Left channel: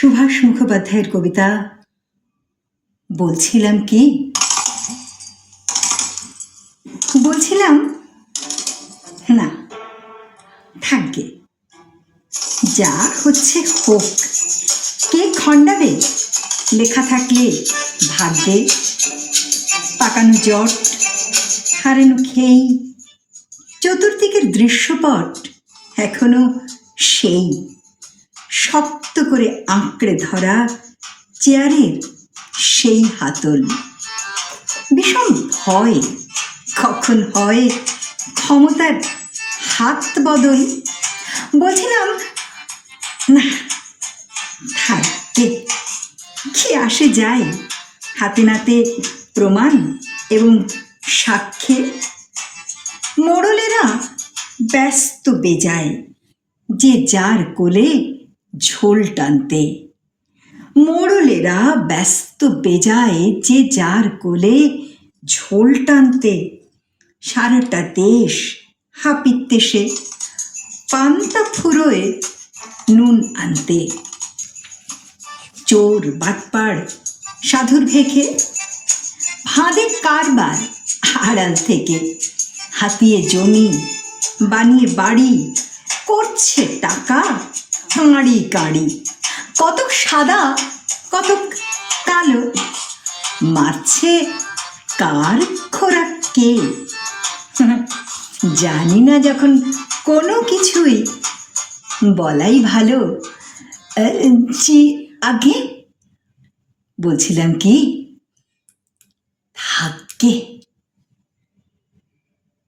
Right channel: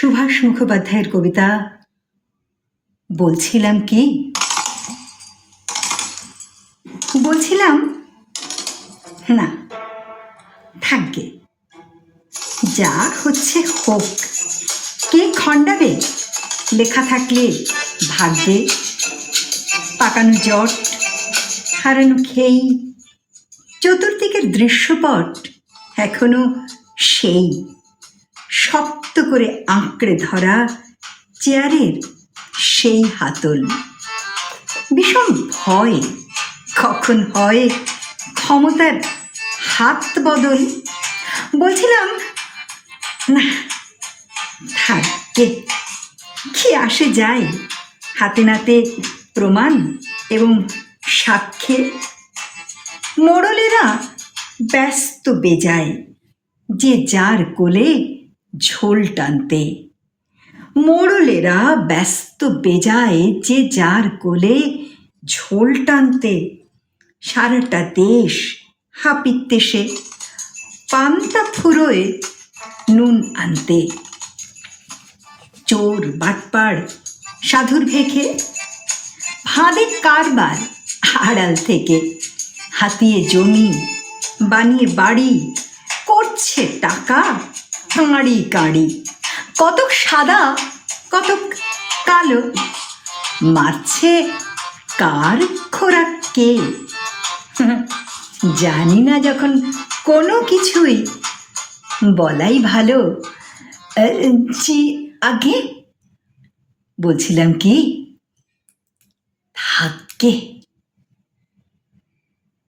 সুভাষ মুখোপাধ্যায়ের কবিতা বলছিলাম কি? বলছিলাম, না থাকবে যা হচ্ছে হোক। কে খণ্ডাবে? লেখা থাকলে ভাগ্যে। পাকানো জট, হারানো খেই। চতুর্দিকের দৃশ্যপট এখনও সেই। শক্ত করে আঁকড়ে ধরা চেয়ারের সেই হাতল। ভীষণ ভয়, কখন হয় ক্ষমতার হাত বদল? বলছিলাম, না, থাকে, কি আসে যায়? হাতে নাতে প্রমাণ এবং সাক্ষ্যে মোড়লেরা ব্যস্ত বেজায়। যে যার কোলে ঝোল টানতে। মোড়লেরা ব্যস্ত বেজায় যে যার কোলে ঝোল টানতে। সারাটা দেশ হাপিতে সে পান্তা ফুরোয় নুন আনতে। চোর বাটপাড় সাধুর ভেখে ফাঁদে কারবার আড়াল থেকে। হাতিয়ে জমি, বানিয়ে বাড়ি, করছে টাকা কাঁড়ি কাঁড়ি। কতক সাদা, কতক কালো। মারছে কার খোরাক কে? জানি না যখন কোনো কিছুই বলাই ভালো। জি, আগে? বলছিলাম কি? থাকে